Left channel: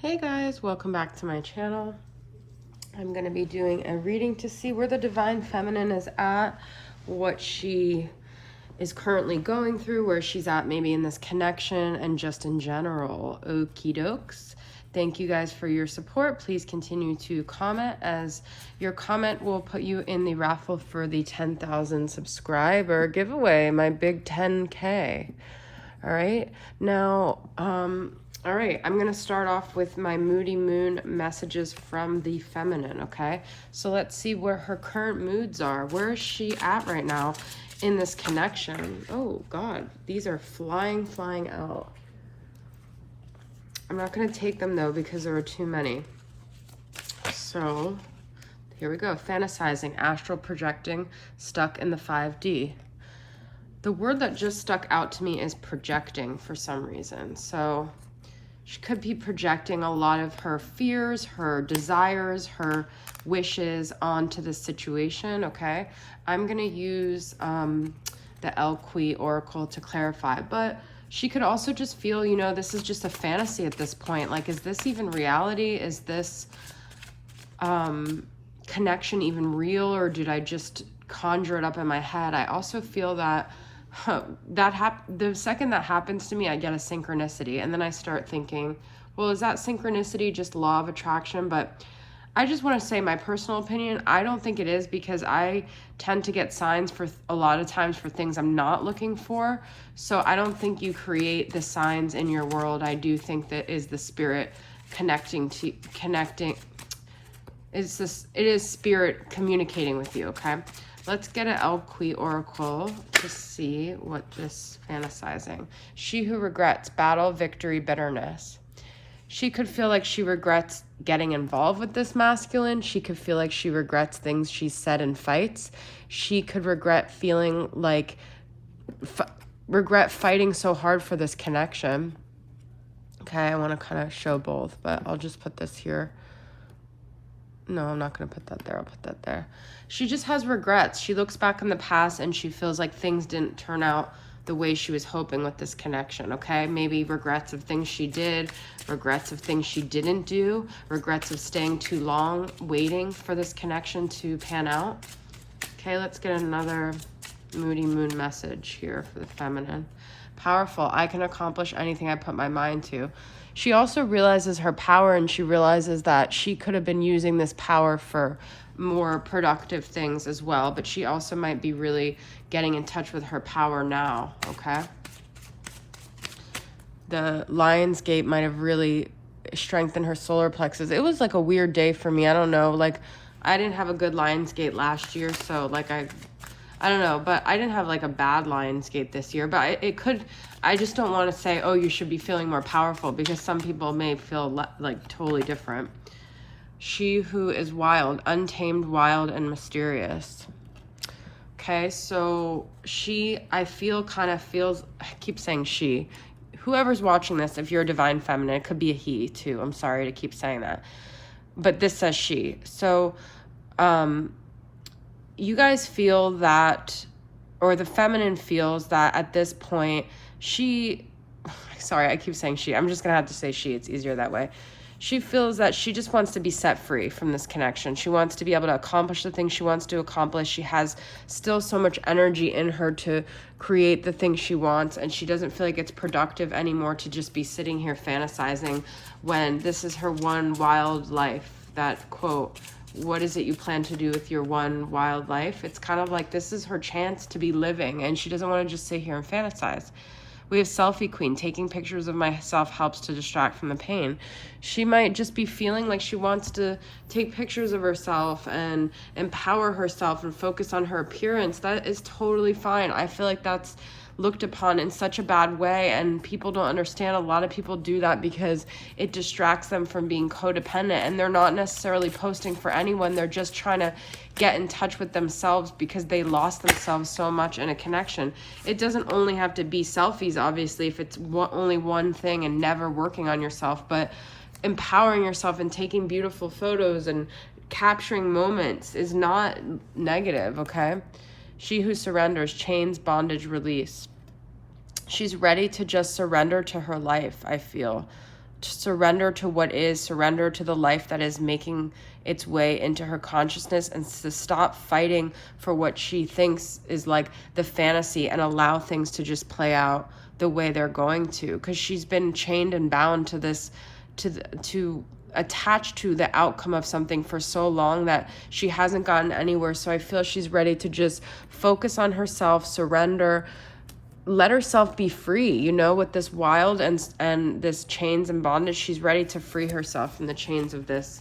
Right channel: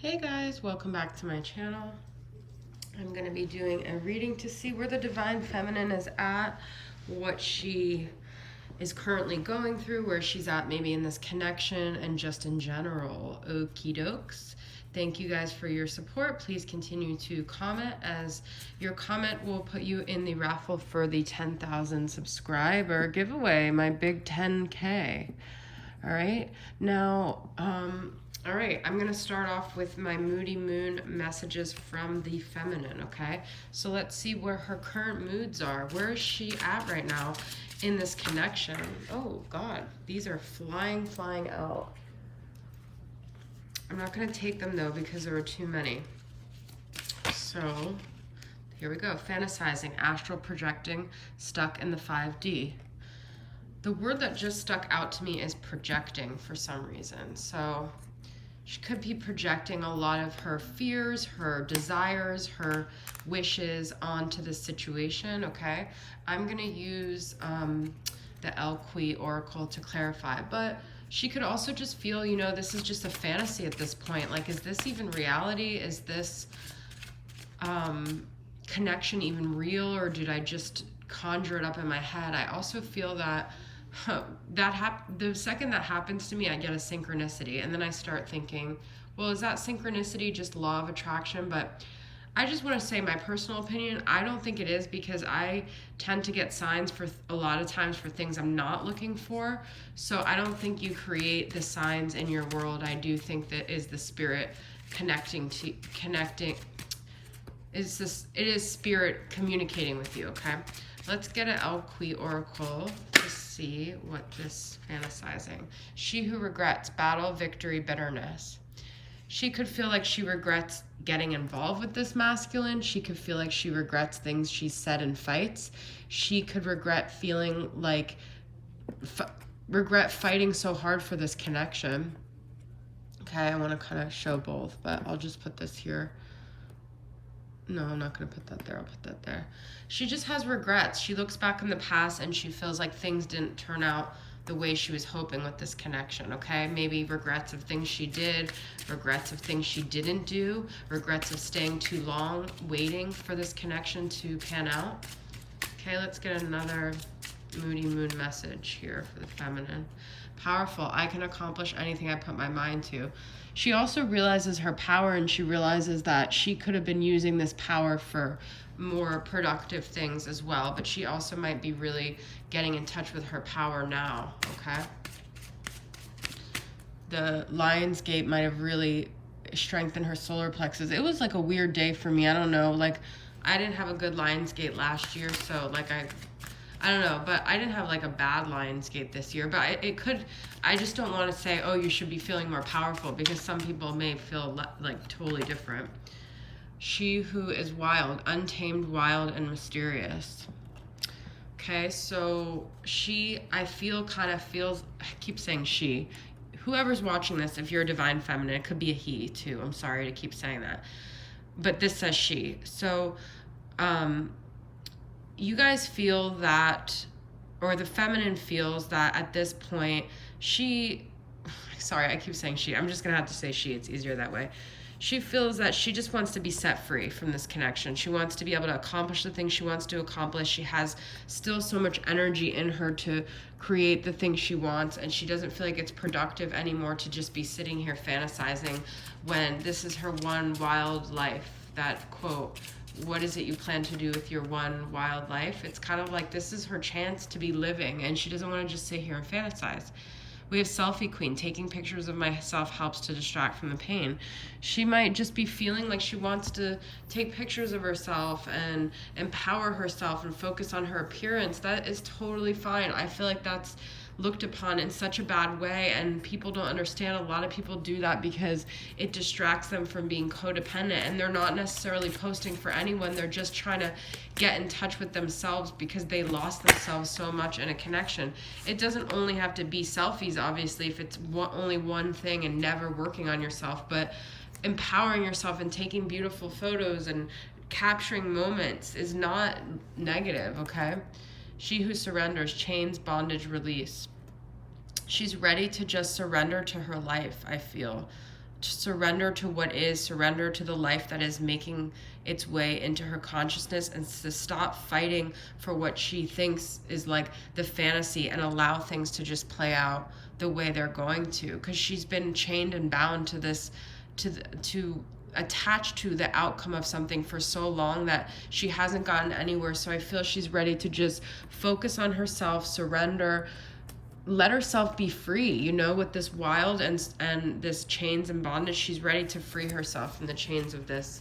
Hey guys, welcome back to my channel. I'm going to be doing a reading to see where the Divine Feminine is at, what she is currently going through, where she's at maybe in this connection, and just in general. Okie dokes. Thank you guys for your support. Please continue to comment, as your comment will put you in the raffle for the 10,000 subscriber giveaway, my big 10K. All right, now, all right, I'm going to start off with my Moody Moon messages from the feminine, okay? So let's see where her current moods are. Where is she at right now in this connection? Oh, God, these are flying out. I'm not going to take them, though, because there are too many. So here we go. Fantasizing, astral projecting, stuck in the 5D. The word that just stuck out to me is projecting for some reason. So she could be projecting a lot of her fears, her desires, her wishes onto the situation, okay? I'm going to use the Elqui Oracle to clarify, but she could also just feel, you know, this is just a fantasy at this point. Like, is this even reality? Is this connection even real, or did I just conjure it up in my head? I also feel that the second that happens to me, I get a synchronicity, and then I start thinking, well, is that synchronicity just law of attraction? But I just want to say my personal opinion, I don't think it is, because I tend to get signs for a lot of times for things I'm not looking for. So I don't think you create the signs in your world. I do think that is the spirit connecting. It is spirit communicating with you, okay? Let's get an Elqui Oracle to see what this fantasizing. She who regrets, battle, victory, bitterness. She could feel like she regrets getting involved with this masculine. She could feel like she regrets things she said in fights. She could regret feeling like, regret fighting so hard for this connection. Okay, I want to kind of show both, but I'll just put this here. No, I'm not going to put that there. I'll put that there. She just has regrets. She looks back in the past and she feels like things didn't turn out the way she was hoping with this connection, okay? Maybe regrets of things she did, regrets of things she didn't do, regrets of staying too long, waiting for this connection to pan out. Okay, let's get another Moody Moon message here for the feminine. Powerful. I can accomplish anything I put my mind to. She also realizes her power, and she realizes that she could have been using this power for more productive things as well, but she also might be really getting in touch with her power now, okay? The Lion's Gate might have really strengthened her solar plexus. It was like a weird day for me. I don't know, like I didn't have a good Lion's Gate last year, so like I don't know, but I didn't have like a bad Lion's Gate this year, but I just don't want to say, oh, you should be feeling more powerful, because some people may feel like totally different. She who is wild, untamed, wild, and mysterious. Okay, so I feel kind of feels, I keep saying she. Whoever's watching this, if you're a divine feminine, it could be a he too. I'm sorry to keep saying that. But this says she. So, you guys feel that, or the feminine feels that at this point, sorry, I keep saying she. I'm just going to have to say she. It's easier that way. She feels that she just wants to be set free from this connection. She wants to be able to accomplish the things she wants to accomplish. She has still so much energy in her to create the things she wants, and she doesn't feel like it's productive anymore to just be sitting here fantasizing when this is her one wild life. That quote, what is it you plan to do with your one wild life? It's kind of like this is her chance to be living, and she doesn't want to just sit here and fantasize. We have Selfie Queen. Taking pictures of myself helps to distract from the pain. She might just be feeling like she wants to take pictures of herself and empower herself and focus on her appearance. That is totally fine. I feel like that's looked upon in such a bad way, and people don't understand. A lot of people do that because it distracts them from being codependent, and they're not necessarily posting for anyone. They're just trying to get in touch with themselves because they lost themselves so much in a connection. It doesn't only have to be selfies, obviously, if it's only one thing and never working on yourself, but empowering yourself and taking beautiful photos and capturing moments is not negative, okay? She who surrenders, chains, bondage, release. She's ready to just surrender to her life, I feel. to surrender to what is, surrender to the life that is making its way into her consciousness, and to stop fighting for what she thinks is like the fantasy, and allow things to just play out the way they're going to, because she's been chained and bound to this, to attached to the outcome of something for so long that she hasn't gotten anywhere. So I feel she's ready to just focus on herself, surrender, let herself be free, you know, with this wild and this chains and bondage. She's ready to free herself from the chains of this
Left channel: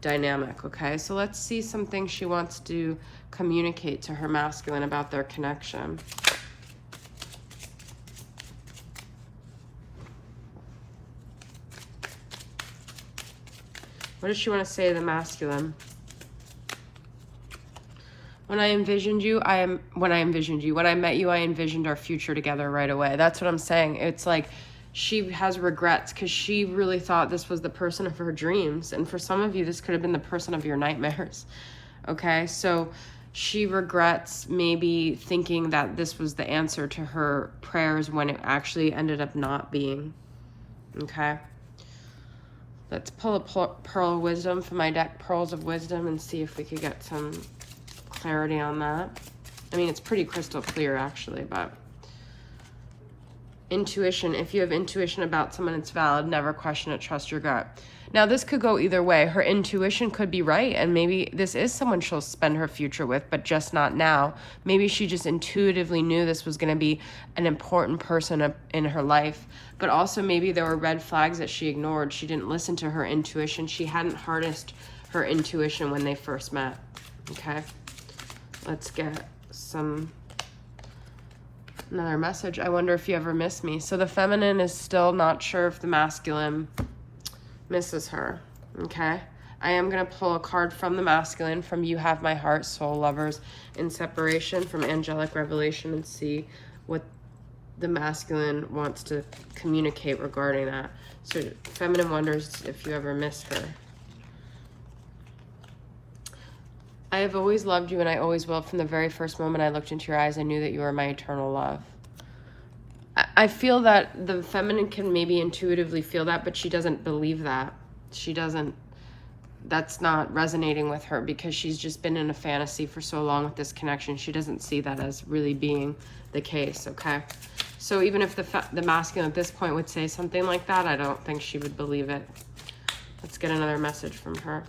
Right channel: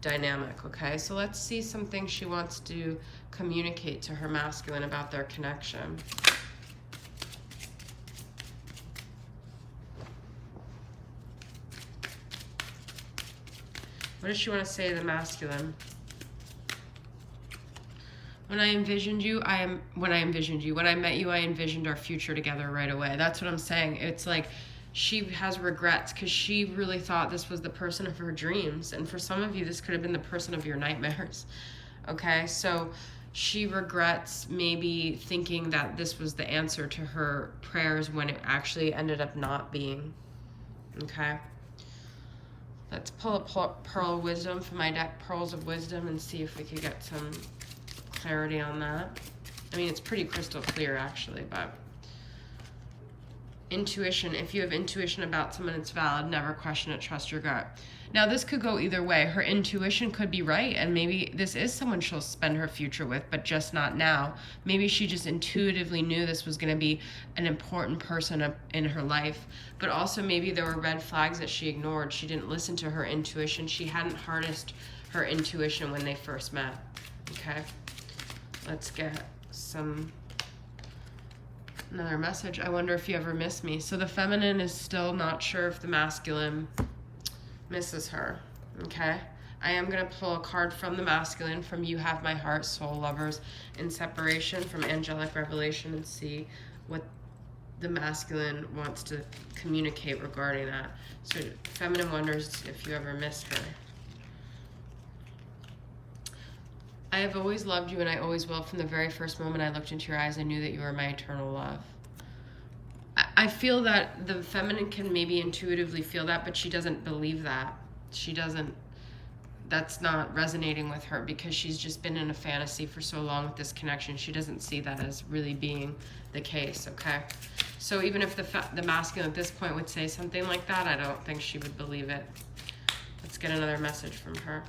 dynamic. Okay, so let's see some things she wants to communicate to her masculine about their connection. What does she want to say to the masculine? When I envisioned you, when I met you, I envisioned our future together right away. That's what I'm saying. It's like she has regrets because she really thought this was the person of her dreams. And for some of you, this could have been the person of your nightmares. Okay, so she regrets maybe thinking that this was the answer to her prayers when it actually ended up not being. Okay. Let's pull a pearl of wisdom from my deck, Pearls of Wisdom, and see if we could get some clarity on that. I mean, it's pretty crystal clear actually, but intuition. If you have intuition about someone, it's valid. Never question it. Trust your gut. Now, this could go either way. Her intuition could be right, and maybe this is someone she'll spend her future with, but just not now. Maybe she just intuitively knew this was going to be an important person in her life, but also maybe there were red flags that she ignored. She didn't listen to her intuition. She hadn't harnessed her intuition when they first met. Okay, let's get another message. I wonder if you ever miss me. So the feminine is still not sure if the masculine misses her. Okay, I am going to pull a card from the masculine, from You Have My Heart, Soul Lovers in Separation, from Angelic Revelation, and see what the masculine wants to communicate regarding that. So feminine wonders if you ever missed her. I have always loved you, and I always will. From the very first moment I looked into your eyes, I knew that you were my eternal love. I feel that the feminine can maybe intuitively feel that, but she doesn't believe that. She doesn't, that's not resonating with her because she's just been in a fantasy for so long with this connection. She doesn't see that as really being the case, okay? So even if the masculine at this point would say something like that, I don't think she would believe it. Let's get another message from her.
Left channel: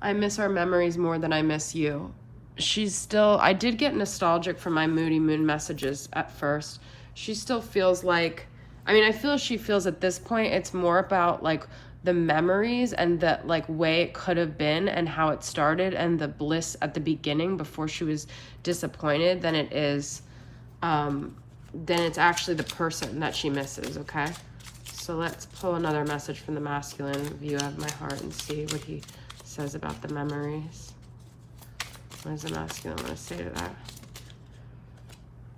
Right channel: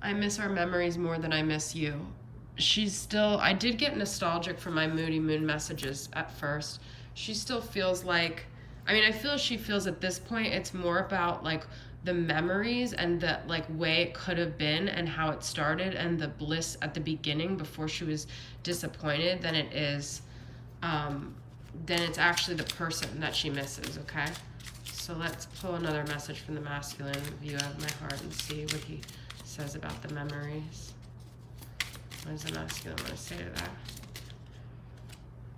I miss our memories more than I miss you. She's still, I did get nostalgic from my Moody Moon messages at first. She still feels like, I mean, I feel she feels at this point it's more about like the memories and the like way it could have been and how it started and the bliss at the beginning before she was disappointed than it is, then it's actually the person that she misses, okay? So let's pull another message from the masculine, You Have My Heart, and see what he says about the memories. What does the masculine want to say to that?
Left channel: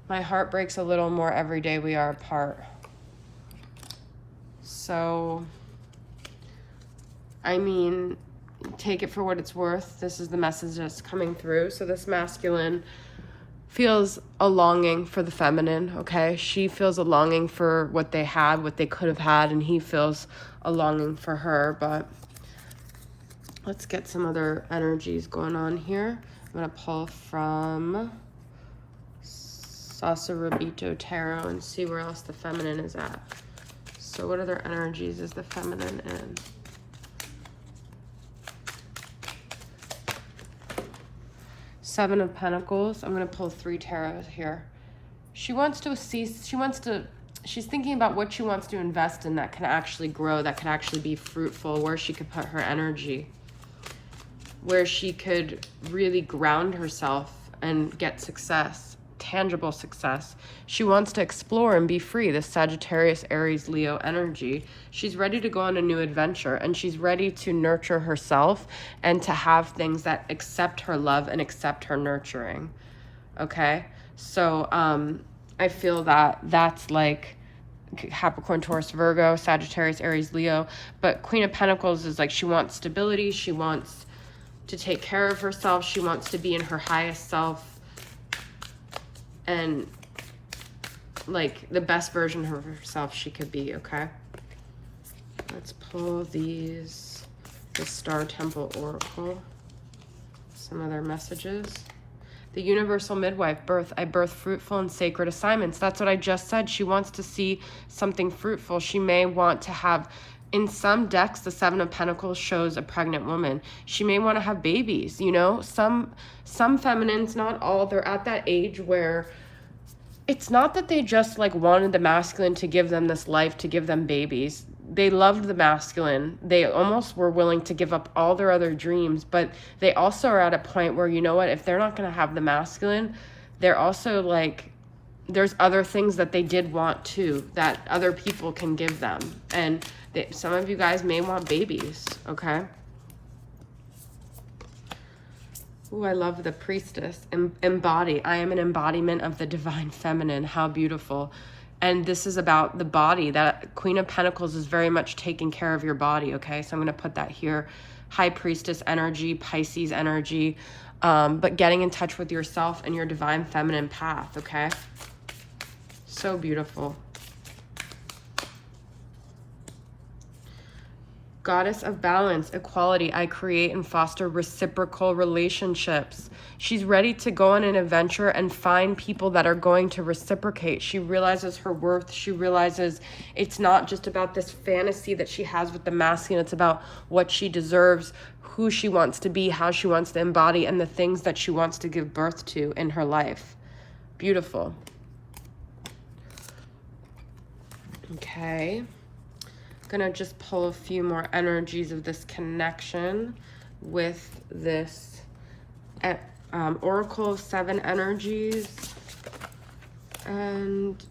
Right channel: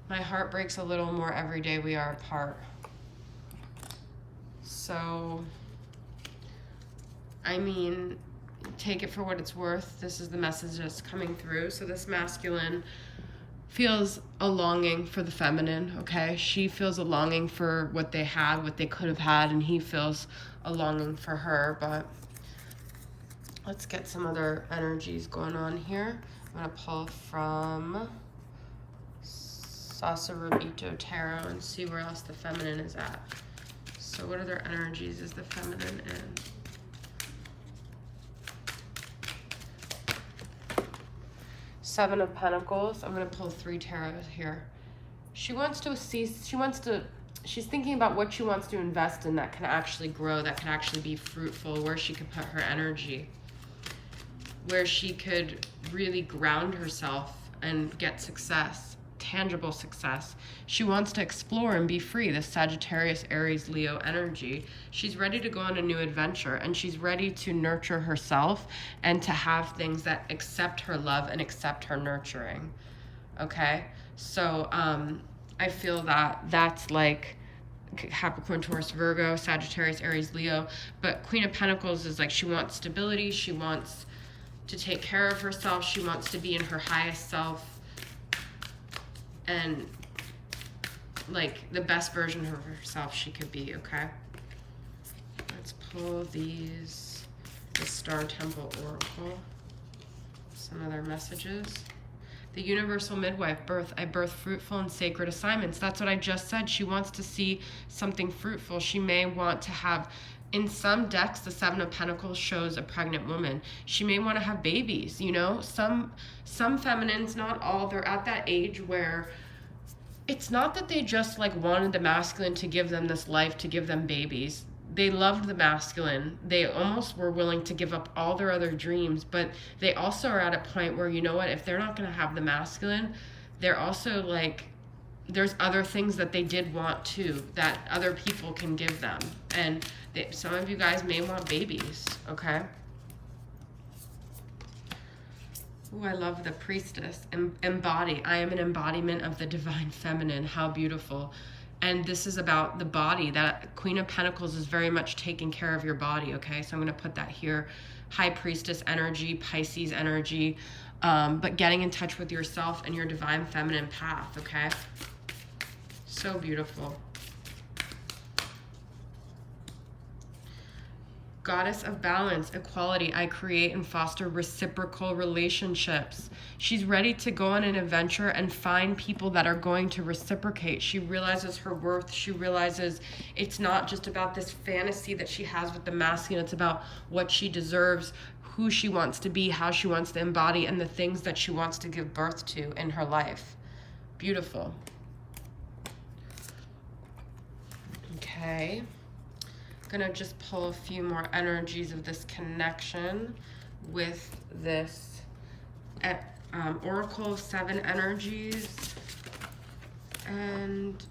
My heart breaks a little more every day we are apart. So, I mean, take it for what it's worth. This is the message that's coming through. So this masculine feels a longing for the feminine, okay? She feels a longing for what they had, what they could have had, and he feels a longing for her. But let's get some other energies going on here. I'm going to pull from Sasarabito Tarot and see where else the feminine is at. So what other energies is the feminine in? Seven of Pentacles. I'm going to pull 3 tarots here. She wants to see, she's thinking about what she wants to invest in that can actually grow, that can actually be fruitful, where she could put her energy, where she could really ground herself and get success, tangible success. She wants to explore and be free, this Sagittarius, Aries, Leo energy. She's ready to go on a new adventure, and she's ready to nurture herself and to have things that accept her love and accept her nurturing, okay? So I feel that that's like Capricorn, Taurus, Virgo, Sagittarius, Aries, Leo. But Queen of Pentacles is like she wants stability, she wants to take care of herself, she wants to be in her highest self and like the best version of herself she could be, okay? Let's pull these, the Star Temple Oracle, some other messages. The universal midwife, birth. I birth fruitful and sacred assignments. That's what I just said. She wants to see something fruitful. She may want to have, in some decks, the Seven of Pentacles shows a pregnant woman. She may want to have babies, you know? Some feminines, not all, they're at that age where it's not that they just like wanted the masculine to give them this life, to give them babies. They loved the masculine. They almost were willing to give up all their other dreams, but they also are at a point where, you know what, if they're not going to have the masculine, they're also like, there's other things that they did want too, that other people can give them. And some of you guys may want babies, okay? Ooh, I love the Priestess. Embody. I am an embodiment of the divine feminine. How beautiful. And this is about the body. That Queen of Pentacles is very much taking care of your body, okay? So I'm going to put that here. High Priestess energy, Pisces energy, but getting in touch with yourself and your divine feminine path, okay? So beautiful. Goddess of balance, equality. I create and foster reciprocal relationships. She's ready to go on an adventure and find people that are going to reciprocate. She realizes her worth. She realizes it's not just about this fantasy that she has with the masculine. It's about what she deserves, who she wants to be, how she wants to embody, and the things that she wants to give birth to in her life. Beautiful. Okay. Gonna just pull a few more energies of this connection with this Oracle of 7 energies and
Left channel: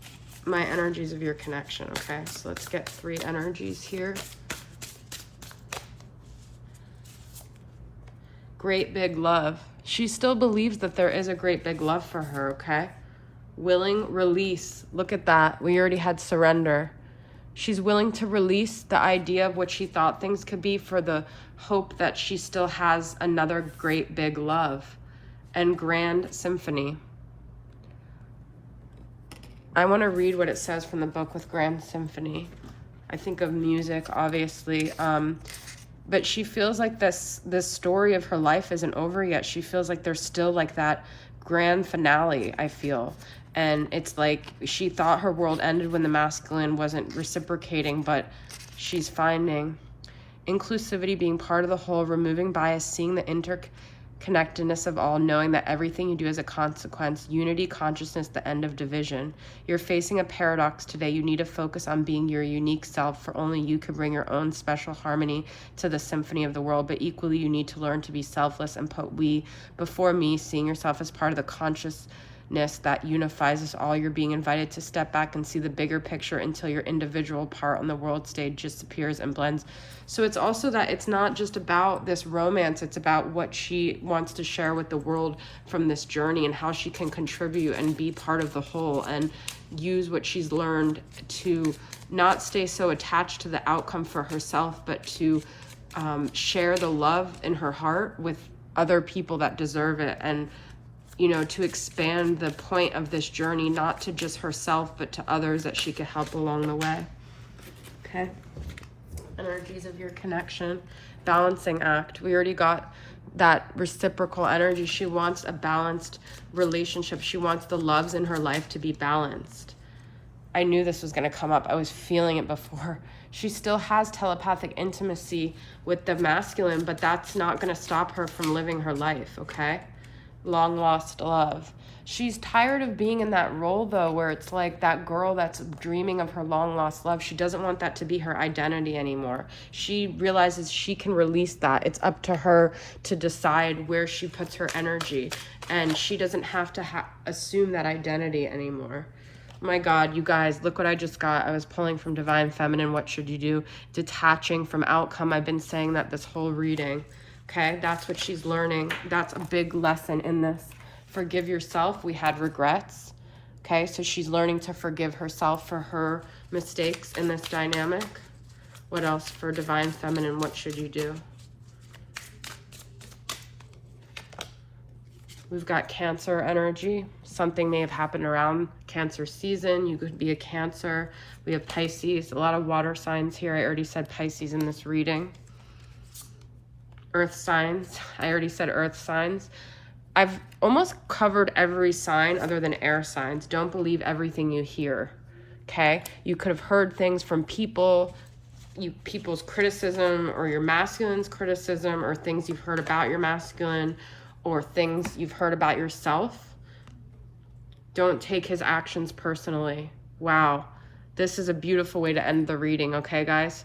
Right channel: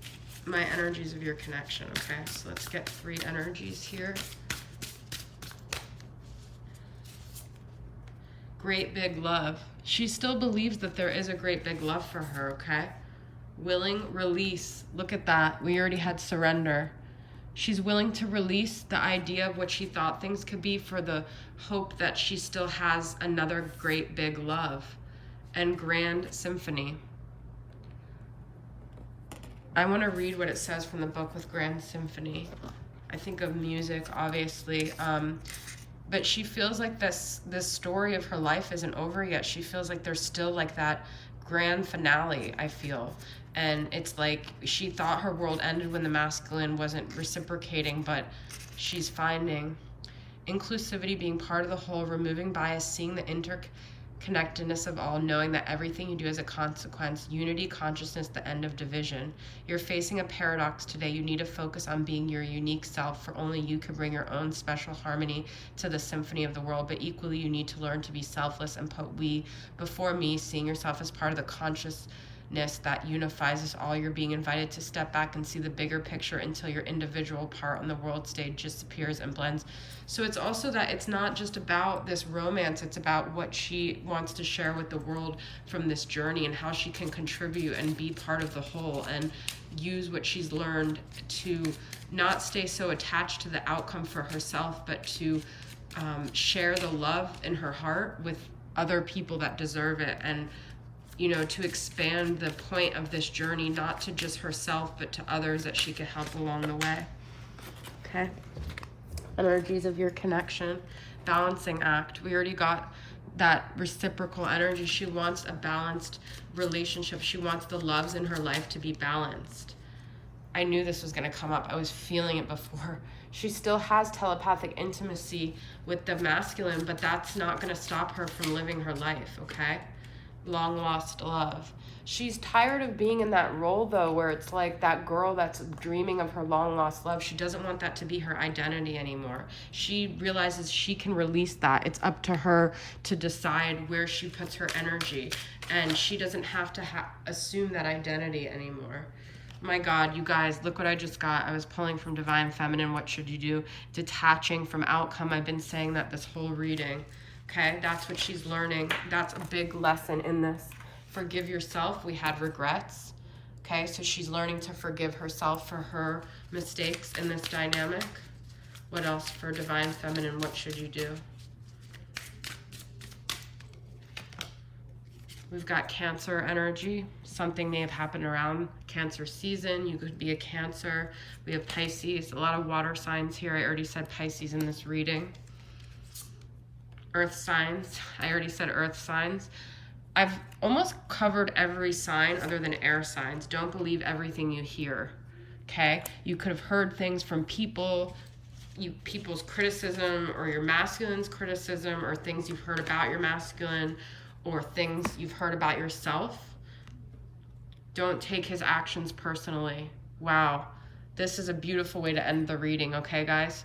my energies of your connection. Okay, so let's get 3 energies here. Great big love. She still believes that there is a great big love for her, okay? Willing release. Look at that. We already had surrender. She's willing to release the idea of what she thought things could be for the hope that she still has another great big love. And grand symphony. I want to read what it says from the book with grand symphony. I think of music, obviously, but she feels like this story of her life isn't over yet. She feels like there's still like that grand finale, I feel. And it's like she thought her world ended when the masculine wasn't reciprocating, but she's finding inclusivity, being part of the whole, removing bias, seeing the interconnectedness of all, knowing that everything you do is a consequence, unity, consciousness, the end of division. You're facing a paradox today. You need to focus on being your unique self, for only you can bring your own special harmony to the symphony of the world. But equally, you need to learn to be selfless and put we before me, seeing yourself as part of the consciousness that unifies us all. You're being invited to step back and see the bigger picture until your individual part on the world stage disappears and blends. So it's also that it's not just about this romance, it's about what she wants to share with the world from this journey and how she can contribute and be part of the whole and use what she's learned to not stay so attached to the outcome for herself, but to share the love in her heart with other people that deserve it. And you know, to expand the point of this journey, not to just herself, but to others that she could help along the way. Okay. Energies of your connection. Balancing act. We already got that reciprocal energy. She wants a balanced relationship. She wants the loves in her life to be balanced. I knew this was going to come up. I was feeling it before. She still has telepathic intimacy with the masculine, but that's not going to stop her from living her life, okay? Long lost love. She's tired of being in that role though, where it's like that girl that's dreaming of her long lost love. She doesn't want that to be her identity anymore. She realizes she can release that. It's up to her to decide where she puts her energy, and she doesn't have to assume that identity anymore. My God, you guys, look what I just got. I was pulling from Divine Feminine. What should you do? Detaching from outcome. I've been saying that this whole reading. Okay, that's what she's learning. That's a big lesson in this. Forgive yourself. We had regrets. Okay, so she's learning to forgive herself for her mistakes in this dynamic. What else for Divine Feminine? What should you do? We've got Cancer energy. Something may have happened around Cancer season. You could be a Cancer. We have Pisces, a lot of water signs here. I already said Pisces in this reading. Earth signs, I already said earth signs. I've almost covered every sign other than air signs. Don't believe everything you hear, okay? You could have heard things from people, people's criticism, or your masculine's criticism, or things you've heard about your masculine, or things you've heard about yourself. Don't take his actions personally. Wow. This is a beautiful way to end the reading, okay, guys?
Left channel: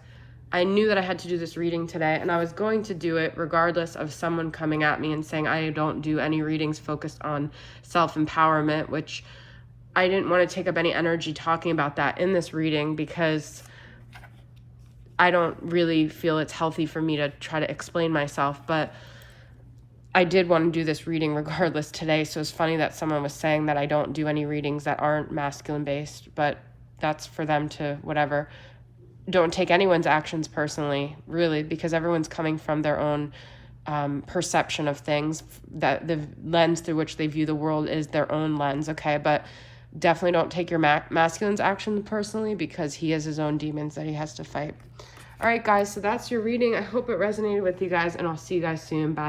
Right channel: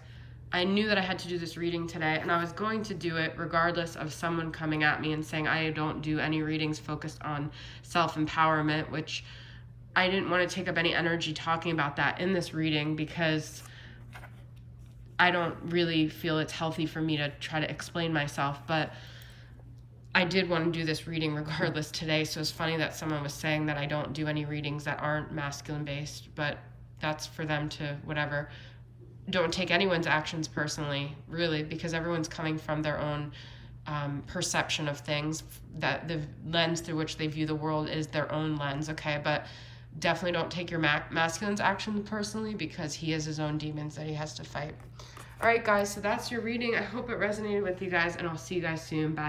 I knew that I had to do this reading today, and I was going to do it regardless of someone coming at me and saying I don't do any readings focused on self-empowerment, which I didn't want to take up any energy talking about that in this reading because I don't really feel it's healthy for me to try to explain myself, but I did want to do this reading regardless today, so it's funny that someone was saying that I don't do any readings that aren't masculine-based, but that's for them to whatever. Don't take anyone's actions personally, really, because everyone's coming from their own perception of things, that the lens through which they view the world is their own lens, okay? But definitely don't take your masculine's actions personally because he has his own demons that he has to fight. All right, guys, so that's your reading. I hope it resonated with you guys, and I'll see you guys soon. Bye.